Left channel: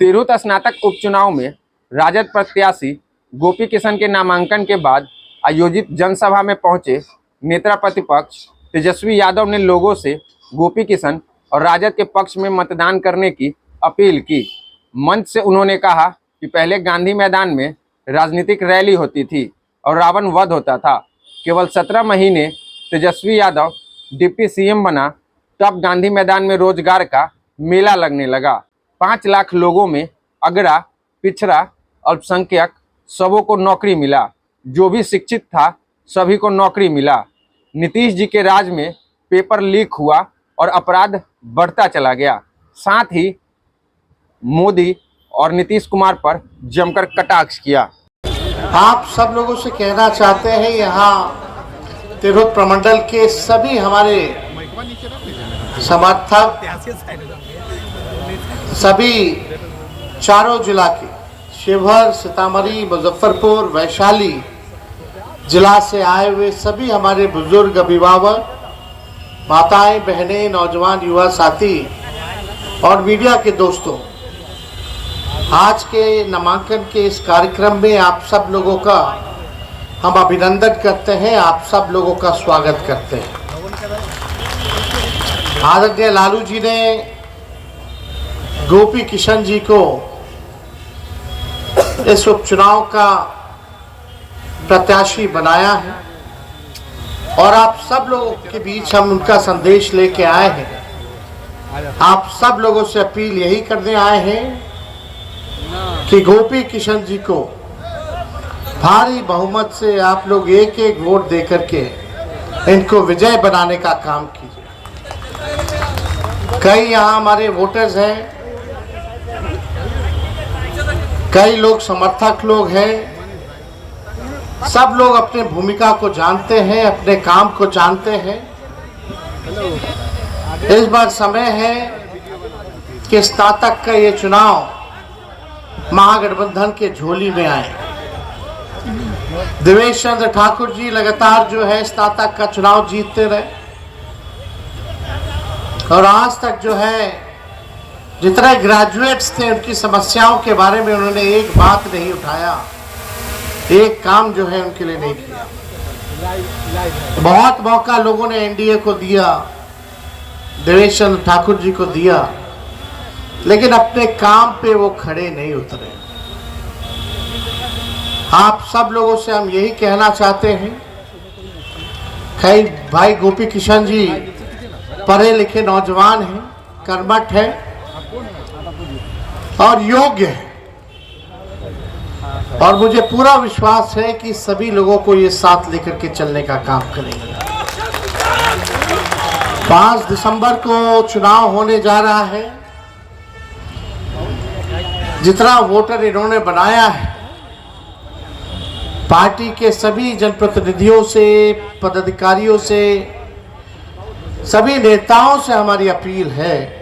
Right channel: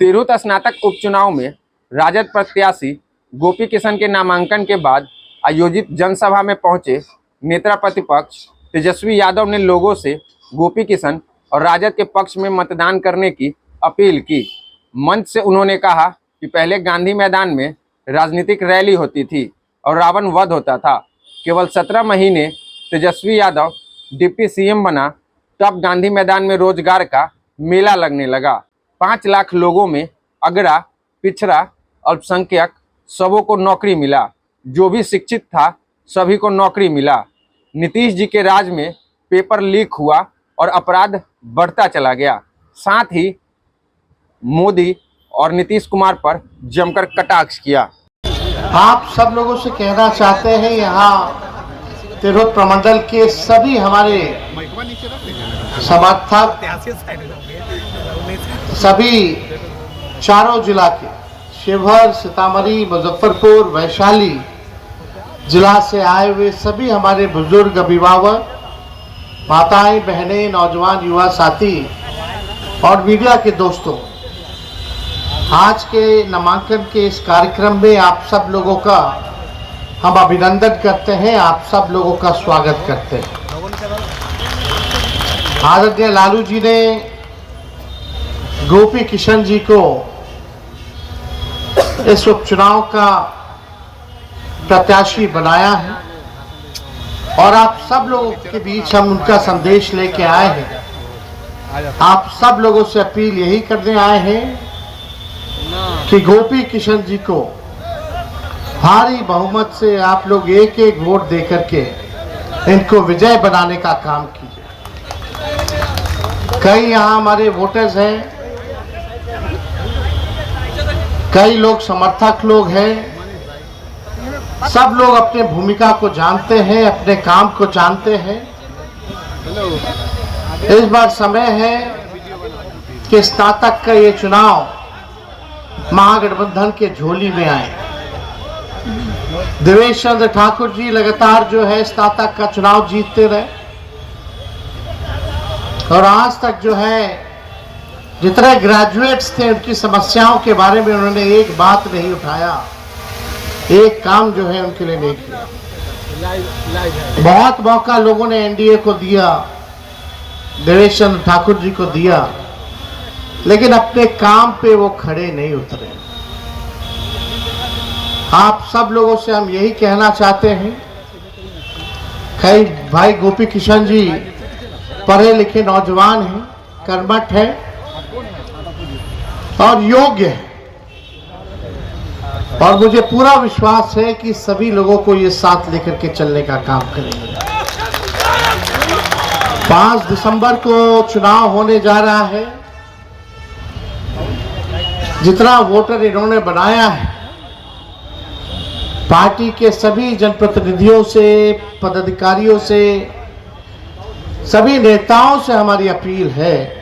तिरहुत स्नातक उपचुनाव में राजद प्रत्याशी गोपी किशन के नामांकन के बाद आयोजित जनसभा में पहुंचे नेता प्रतिपक्ष तेजस्वी यादव ने लोगों से गोपी किशन और राजद के पक्ष में मतदान करने की अपील की। मंच से उन्होंने कहा कि पहले गांधी मैदान में राजनीतिक रैली होती थी और रावण वध होता था। केवल 17 महीने तेजस्वी यादव डिप्टी सीएम बना तब गांधी मैदान में रोजगार का मेला लगने लगा। 5 लाख लोगों में अगड़ा, पिछड़ा, अल्पसंख्यक सबों को नौकरी मिला। जो भी शिक्षित था सभी को नौकरी मिला। नीतीश जी के राज में पेपर लीक हुआ और अपराध बढ़ता चला गया। साथ ही मोदी और नीतीश कुमार पर जमकर कटाक्ष किया। आप सब लोगों से कहना चाहते हैं, यहाँ तिरहुत प्रमंडल के सभी हमारे समर्थक, सभी चारों जिला के शिवहर, सीतामढ़ी, मुजफ्फरपुर, वैशाली जिला से आए हुए सभी हमारे बुजुर्ग, अभिभावक, माताएं, बहनें, नौजवान, युवा साथी और मीडिया के दोस्तों, आज के नामांकन के इस कार्यक्रम में आप सब लोगों का हम अभिनंदन करते हैं, आप सब लोगों का स्वागत करते हैं। आदरणीय लालू जी ने गोपी किशन जी को इस उपचुनाव का प्रत्याशी बनाया है और आप सब लोगों के बीच हम उनका संदेश लेके आए हैं। आप सब लोगों से अपील यही करने आए हैं कि गोपी किशन जी को भारी बहुमत से आप लोग एक एक वोट देकर के इनको विजय बनाने का काम कीजिए। कई यहाँ हमारे वोटर्स हैं, कई लोग समर्थक लोग हैं, सब लोग अपने भूमिका को जानते हैं, अपने काम को जानते हैं। इस बार समय है कि स्नातक का ये चुनाव महागठबंधन के झोली में आए। देवेश चंद्र ठाकुर जी लगातार जो है स्नातक का चुनाव जीतते रहे और आज तक जो है जितने ग्रेजुएट्स थे उनकी समस्याओं के बारे में उन्होंने एक बात नहीं उठाया, एक काम जो है उनके लिए नहीं किया। बहुत मौका लोगों ने एनडीए को दिया, देवेश चंद्र ठाकुर जी को दिया, लेकिन अपने काम पे वो खड़े नहीं उतरे। आप सब लोगों से हम यही कहना चाहते हैं, भाई गोपी किशन जी पढ़े लिखे नौजवान हैं, कर्मठ हैं और योग्य हैं और मुझे पूरा विश्वास है कि सभी लोगों को ये साथ लेकर के चलने का काम करेंगे। 5 दिसंबर को चुनाव होने जा रहा है। जितना वोटर इन्होंने बनाया है, पार्टी के सभी जनप्रतिनिधियों से, पदाधिकारियों से, सभी नेताओं से हमारी अपील है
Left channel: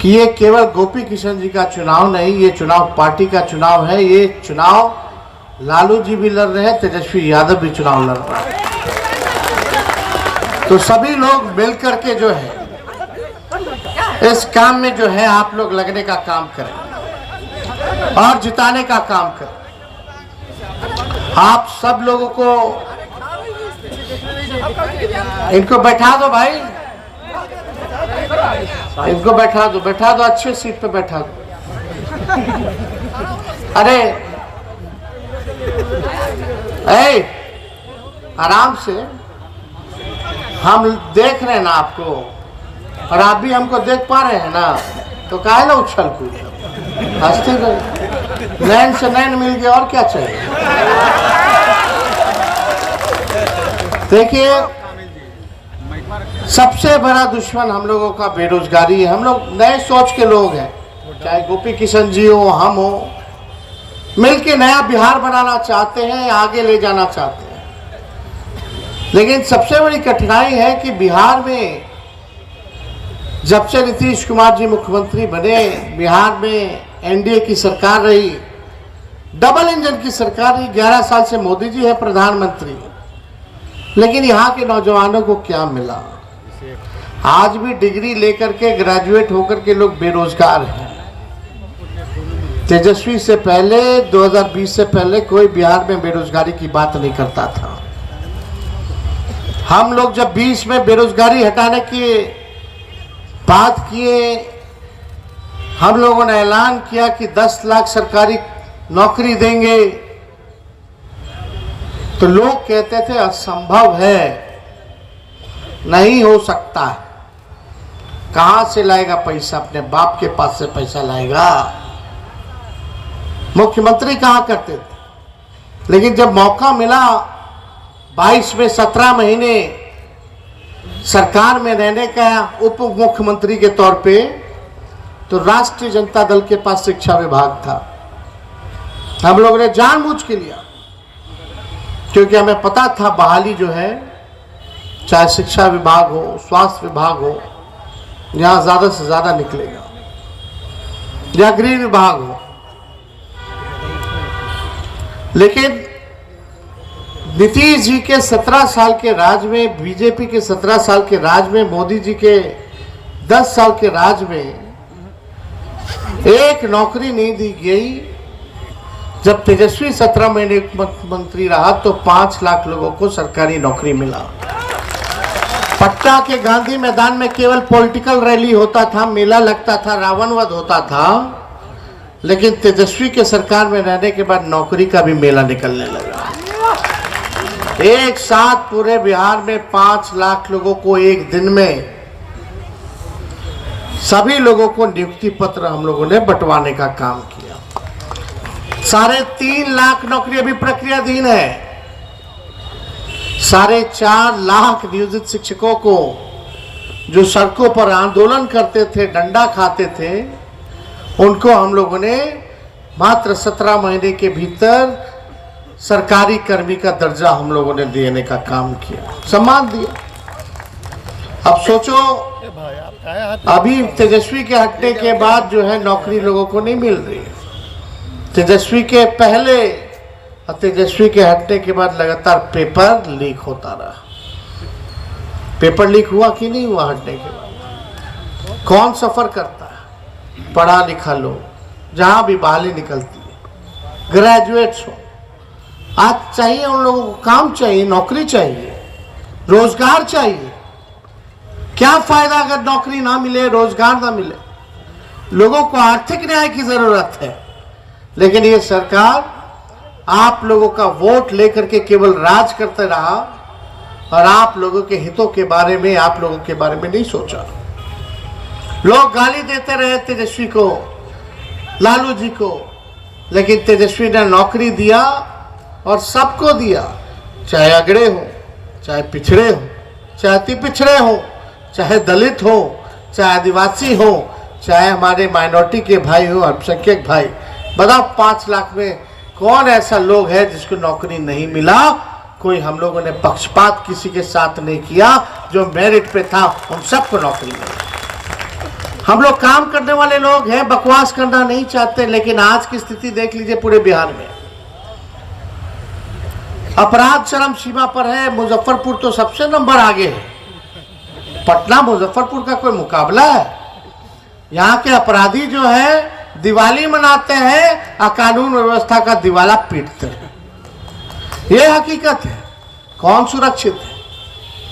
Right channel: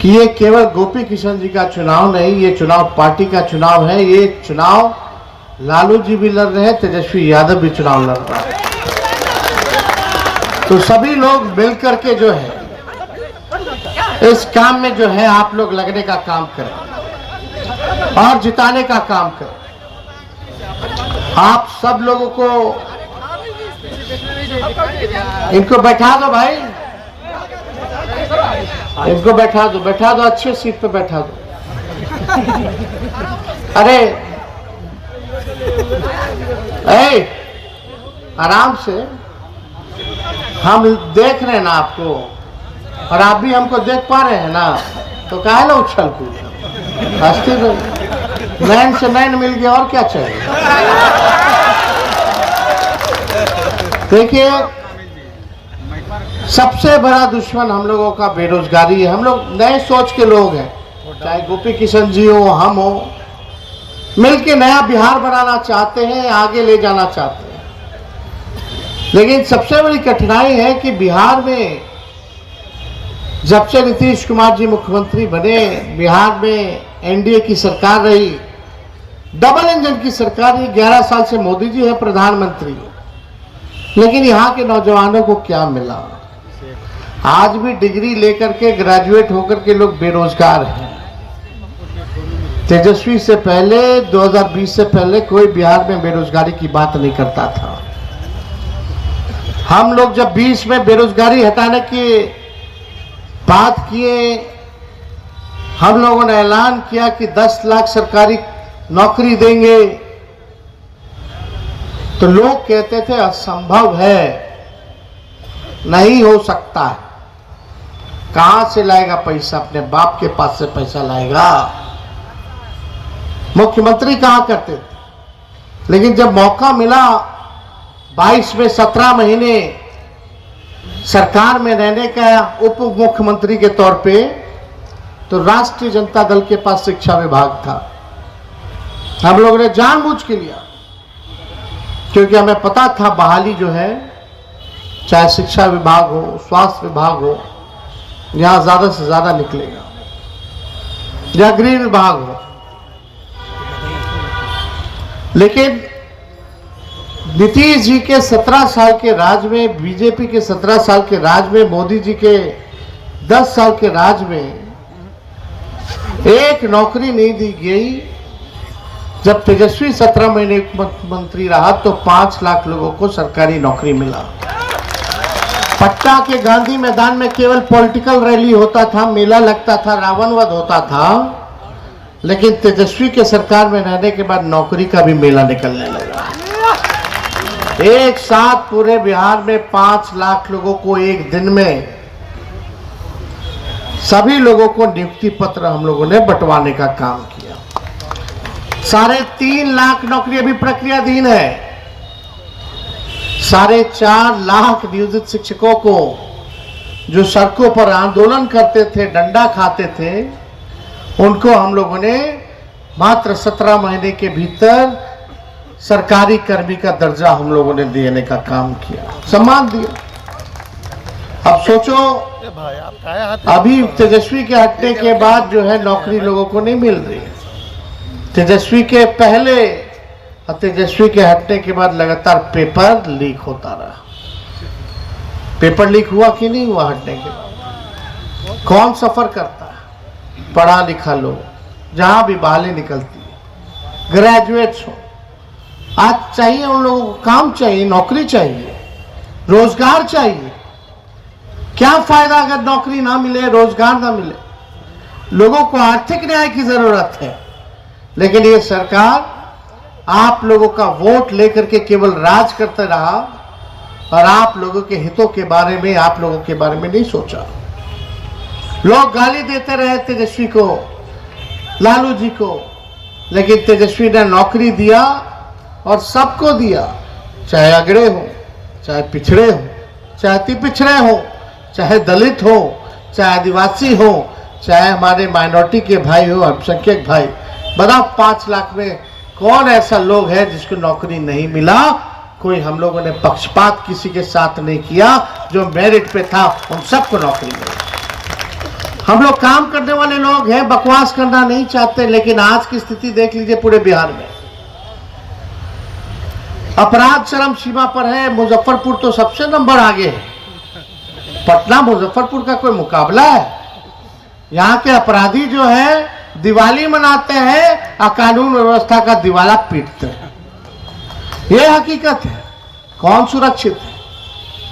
कि ये केवल गोपी किशन जी का चुनाव नहीं, ये चुनाव पार्टी का चुनाव है। ये चुनाव लालू जी भी लड़ रहे हैं, तेजस्वी यादव भी चुनाव लड़ रहा है। तो सभी लोग मिलकर के जो है इस काम में जो है आप लोग लगने का काम करें और जिताने का काम करें। आप सब लोगों को इनको बैठा दो भाई, इनको बैठा दो, अच्छे सीट पे बैठा दो। अरे आराम से, हम देख रहे हैं ना आपको और आप भी हमको देख पा रहे हैं ना, तो काहे ना उछल कूद, हंसते रहो। नैन से नैन मिल गया और क्या चाहिए। देखिए, सबसे बड़ा दुश्मन हम लोगों का बेरोजगारी है। हम लोग नए सोच के लोग हैं, चाहे गोपी किशन जी हो, हम हो, मिलके नया बिहार बनाना चाहते हैं, आगे ले जाना चाहते हैं। लेकिन सबसे बड़ी कठिनाई है कि बिहार में जब से नीतीश कुमार जी मुख्यमंत्री बने, बिहार में एनडीए की सरकार रही, डबल इंजन की सरकार रही। 11 साल से मोदी जी है प्रधानमंत्री, लेकिन यहाँ के नौजवानों को क्या मिला? आज भी डिग्री लेकर के, ग्रेजुएट होकर के लोग बेरोजगार हैं। तेजस्वी से पहले 2020 से पहले कोई बिहार में बेरोजगारी की बात नहीं करता था। हम लोग जब 20 में बेरोजगारी हटाने की बात किए, हम लोगों ने ऐलान किया कि 10 लाख सरकारी नौकरी देंगे, तो लोग कहते थे असंभव है, नहीं हो सकता है, कहां से लाएगा पैसा, अपने बाप के पास से पैसा लाएगा, मुख्यमंत्री कहा करते थे। लेकिन जब मौका मिला 22 में 17 महीने सरकार में रहने का उप मुख्यमंत्री के तौर पे, तो राष्ट्रीय जनता दल के पास शिक्षा विभाग था। हम लोगों ने जानबूझ के लिया, क्योंकि हमें पता था बहाली जो है, चाहे शिक्षा विभाग हो, स्वास्थ्य विभाग हो, यहां ज्यादा से ज्यादा निकलेगा, या गृह विभाग हो। लेकिन नीतीश जी के 17 साल के राज में, बीजेपी के 17 साल के राज में, मोदी जी के 10 साल के राज में एक नौकरी नहीं दी गई। जब तेजस्वी 17 महीने मुख्यमंत्री रहा तो 5 लाख लोगों को सरकारी नौकरी मिला। पटना के गांधी मैदान में केवल पॉलिटिकल रैली होता था, मेला लगता था, रावण वध होता था, लेकिन तेजस्वी के सरकार में रहने के बाद नौकरी का भी मेला निकलने लगा। एक साथ पूरे बिहार में 5 लाख लोगों को एक दिन में, सभी लोगों को नियुक्ति पत्र हम लोगों ने बंटवाने का काम किया। 3.5 लाख नौकरी अभी प्रक्रियाधीन है। 4.5 लाख नियोजित शिक्षकों को जो सड़कों पर आंदोलन करते थे, डंडा खाते थे, उनको हम लोगों ने मात्र 17 महीने के भीतर सरकारी कर्मी का दर्जा हम लोगों ने देने का काम किया, सम्मान दिया। अब सोचो, अभी तेजस्वी के हटने के बाद जो है नौकरी लोगों को नहीं मिल रही है। तेजस्वी के पहले और तेजस्वी के हटने के बाद लगातार पेपर लीक होता रहा। पेपर लीक हुआ कि नहीं हुआ हटने के बाद? कौन सफर करता है? पढ़ा लिखा लोग, जहां भी बहाली निकलती है, ग्रेजुएट्स हो। आज चाहिए उन लोगों को काम चाहिए, नौकरी चाहिए, रोजगार चाहिए। क्या फायदा अगर नौकरी ना मिले, रोजगार ना मिले? लोगों को आर्थिक न्याय की जरूरत है, लेकिन ये सरकार आप लोगों का वोट लेकर के केवल राज करते रहा और आप लोगों के हितों के बारे में, आप लोगों के बारे में नहीं सोचा। लोग गाली देते रहे तेजस्वी को, लालू जी को, लेकिन तेजस्वी ने नौकरी दिया और सबको दिया, चाहे अगड़े हो, चाहे पिछड़े हो, चाहे अति पिछड़े हो, चाहे दलित हो, चाहे आदिवासी हो, चाहे हमारे माइनॉरिटी के भाई हो, अल्पसंख्यक भाई। बताओ 5 लाख में कौन ऐसा लोग है जिसको नौकरी नहीं मिला? कोई हम लोगों ने पक्षपात किसी के साथ नहीं किया, जो मेरिट पे था उन सबको नौकरी मिली। हम लोग काम करने वाले लोग हैं, बकवास करना नहीं चाहते, लेकिन आज की स्थिति देख लीजिए पूरे बिहार में। अपराध चरम सीमा पर है। मुजफ्फरपुर तो सबसे नंबर आगे है। पटना मुजफ्फरपुर का कोई मुकाबला है? यहाँ के अपराधी जो है दिवाली मनाते हैं और कानून व्यवस्था का दिवाला पीटते हैं। ये हकीकत है। कौन सुरक्षित है?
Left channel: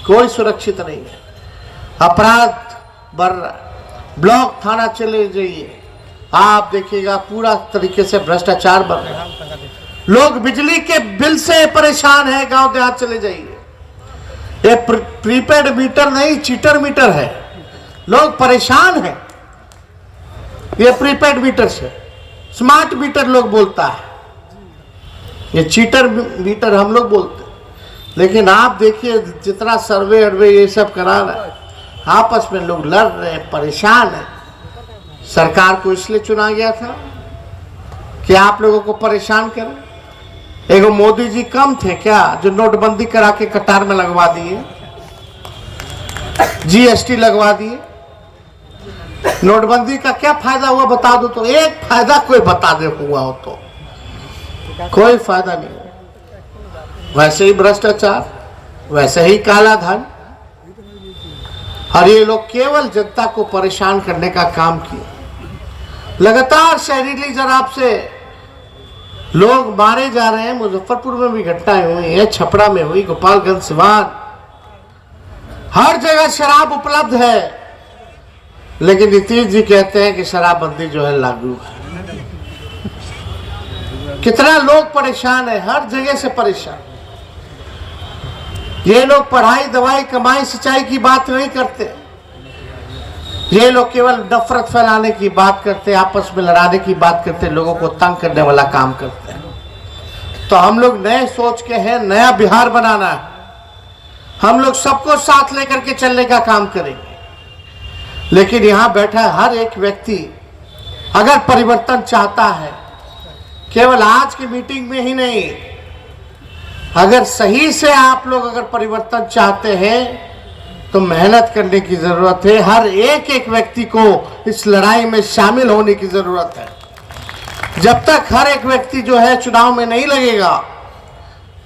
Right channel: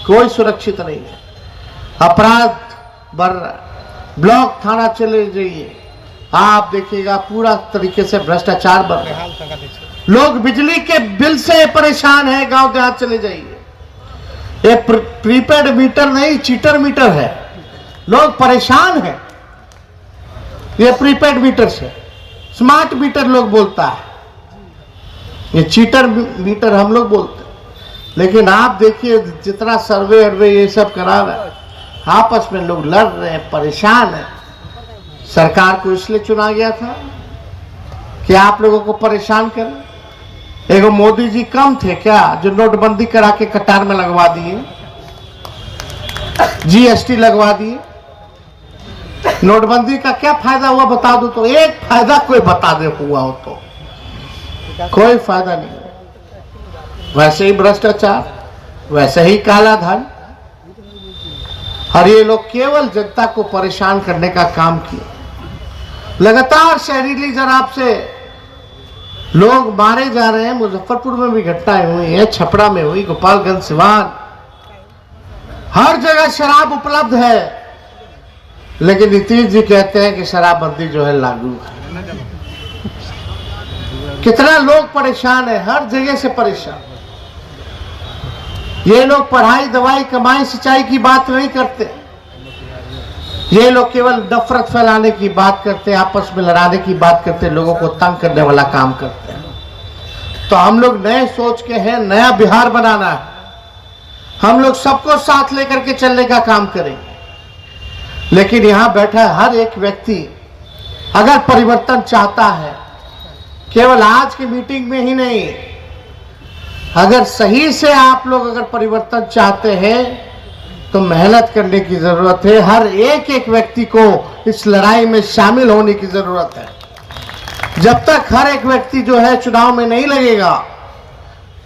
कोई सुरक्षित नहीं है। अपराध बढ़ रहा है। ब्लॉक थाना चले जाइए, आप देखिएगा पूरा तरीके से भ्रष्टाचार बढ़ रहा है। लोग बिजली के बिल से परेशान हैं। गांव देहात चले जाइए, ये प्रीपेड मीटर नहीं, चीटर मीटर है। लोग परेशान हैं ये प्रीपेड मीटर से। स्मार्ट मीटर लोग बोलता है, ये चीटर मीटर हम लोग बोलते हैं। लेकिन आप देखिए जितना सर्वे अर्वे ये सब करा रहे, आपस में लोग लड़ रहे हैं, परेशान हैं। सरकार को इसलिए चुना गया था कि आप लोगों को परेशान करें। एगो मोदी जी कम थे क्या जो नोटबंदी करा के कतार में लगवा दिए, जीएसटी लगवा दिए? नोटबंदी का क्या फायदा हुआ बता दो तो, एक फायदा कोई बता दे हुआ हो तो? कोई फायदा नहीं हुआ। वैसे ही भ्रष्टाचार, वैसे ही काला धन, और ये लोग केवल जनता को परेशान करने का काम किया। लगातार जहरीली शराब से लोग मारे जा रहे हैं। मुजफ्फरपुर में भी घटनाएं हुई है, छपरा में हुई, गोपालगंज, सिवान, हर जगह शराब उपलब्ध है। लेकिन नीतीश जी कहते हैं कि शराबबंदी जो है लागू है। कितना लोग परेशान है, हर जगह से परेशान। ये लोग पढ़ाई, दवाई, कमाई, सिंचाई की बात नहीं करते। ये लोग केवल नफरत फैलाने की बात करते, आपस में लड़ाने की बात करते, लोगों को तंग करने वाला काम करते हैं। तो हम लोग नए सोच के हैं, नया बिहार बनाना है। हम लोग सबको साथ लेकर के चलने का काम करेंगे। लेकिन यहां बैठा हर एक व्यक्ति अगर परिवर्तन चाहता है, केवल आज की मीटिंग में ही नहीं, अगर सही से आप लोग अगर परिवर्तन चाहते हैं तो मेहनत करने की जरूरत है। हर एक एक व्यक्ति को इस लड़ाई में शामिल होने की जरूरत है। जब तक हर एक व्यक्ति जो है चुनाव में नहीं लगेगा,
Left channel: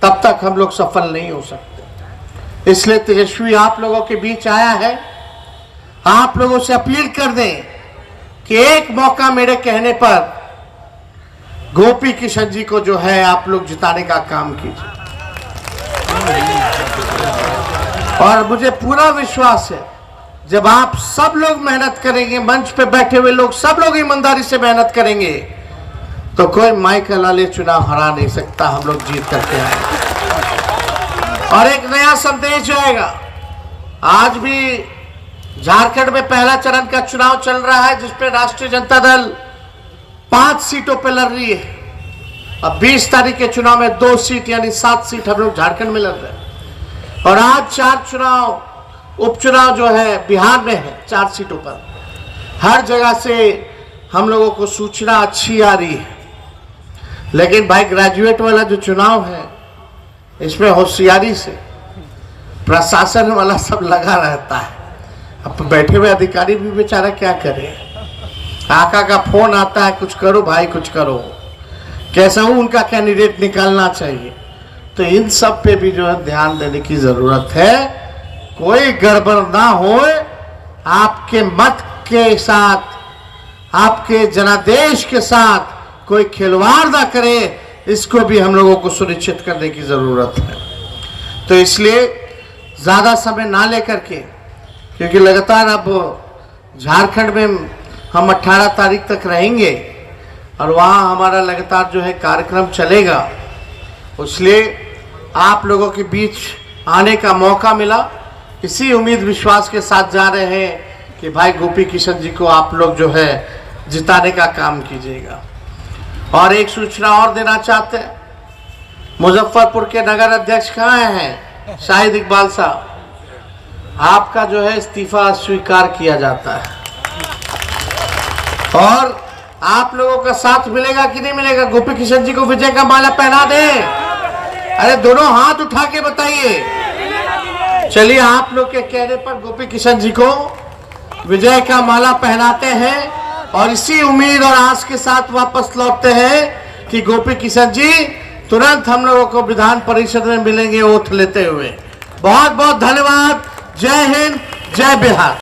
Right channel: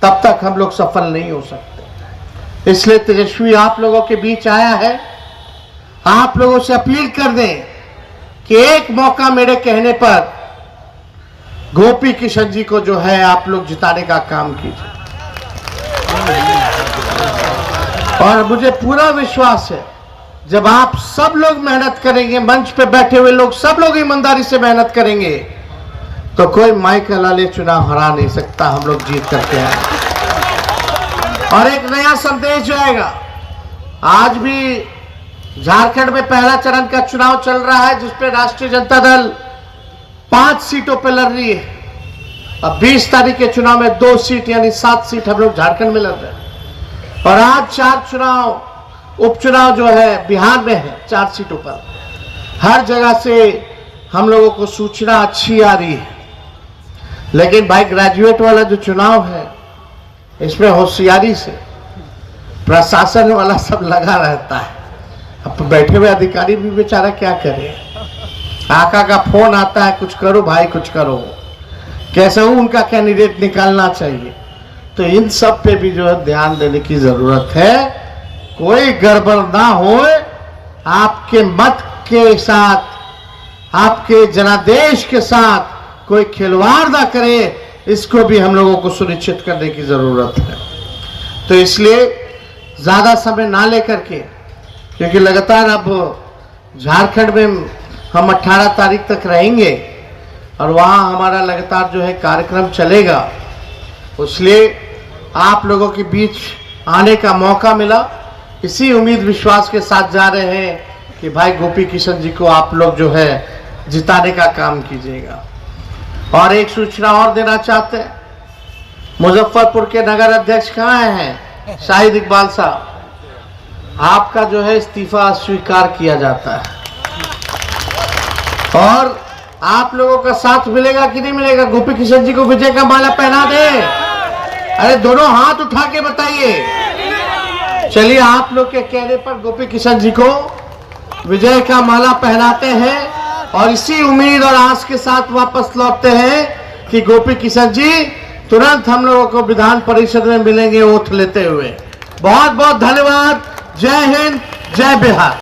तब तक हम लोग सफल नहीं हो सकते। इसलिए तेजस्वी आप लोगों के बीच आया है। आप लोगों से अपील कर दें कि एक मौका मेरे कहने पर गोपी किशन जी को जो है आप लोग जिताने का काम कीजिए। और मुझे पूरा विश्वास है, जब आप सब लोग मेहनत करेंगे, मंच पे बैठे हुए लोग सब लोग ईमानदारी से मेहनत करेंगे, तो कोई माइकल अली चुनाव हरा नहीं सकता। हम लोग जीत करके आए और एक नया संदेश जाएगा। आज भी झारखंड में पहला चरण का चुनाव चल रहा है, जिसपे राष्ट्रीय जनता दल 5 सीटों पे लड़ रही है। अब 20 तारीख के चुनाव में 2 सीट यानी 7 सीट हम लोग झारखंड में लड़ रहे हैं। और आज 4 चुनाव, उपचुनाव जो है बिहार में है 4 सीटों पर। हर जगह से हम लोगों को सूचना अच्छी आ रही है। लेकिन भाई ग्रेजुएट वाला जो चुनाव है, इसमें होशियारी से प्रशासन वाला सब लगा रहता है। अब बैठे हुए अधिकारी भी बेचारा क्या करे, आका का फोन आता है, कुछ करो भाई, कुछ करो, कैसा हो उनका कैंडिडेट निकालना चाहिए। तो इन सब पे भी जो है ध्यान देने की जरूरत है। कोई गड़बड़ ना हो, आपके मत के साथ, आपके जनादेश के साथ कोई खिलवाड़ ना करे, इसको भी हम लोगों को सुनिश्चित करने की जरूरत है। तो इसलिए ज्यादा समय ना लेकर के, क्योंकि लगातार अब झारखंड में हम 18 तारीख तक रहेंगे और वहाँ हमारा लगातार जो है कार्यक्रम चलेगा, इसलिए आप लोगों के बीच आने का मौका मिला। इसी उम्मीद विश्वास के साथ जा रहे हैं कि भाई गोपी किशन जी को आप लोग जो है जिताने का काम कीजिएगा। और एक सूचना और देना चाहते हैं, मुजफ्फरपुर के नगर अध्यक्ष कहाँ हैं? शाहिद इकबाल साहब, आपका जो है इस्तीफा स्वीकार किया जाता है। और आप लोगों का साथ मिलेगा कि नहीं मिलेगा? गोपी किशन जी को विजय का माला पहना दे। अरे दोनों हाथ उठा के बताइए। चलिए, आप लोग के कहने पर गोपी किशन जी को विजय का माला पहनाते हैं और इसी उम्मीद और आस के साथ वापस लौटते हैं कि गोपी किशन जी तुरंत हम लोगों को विधान परिषद में मिलेंगे ओथ लेते हुए। बहुत बहुत धन्यवाद। जय हिंद, जय बिहार।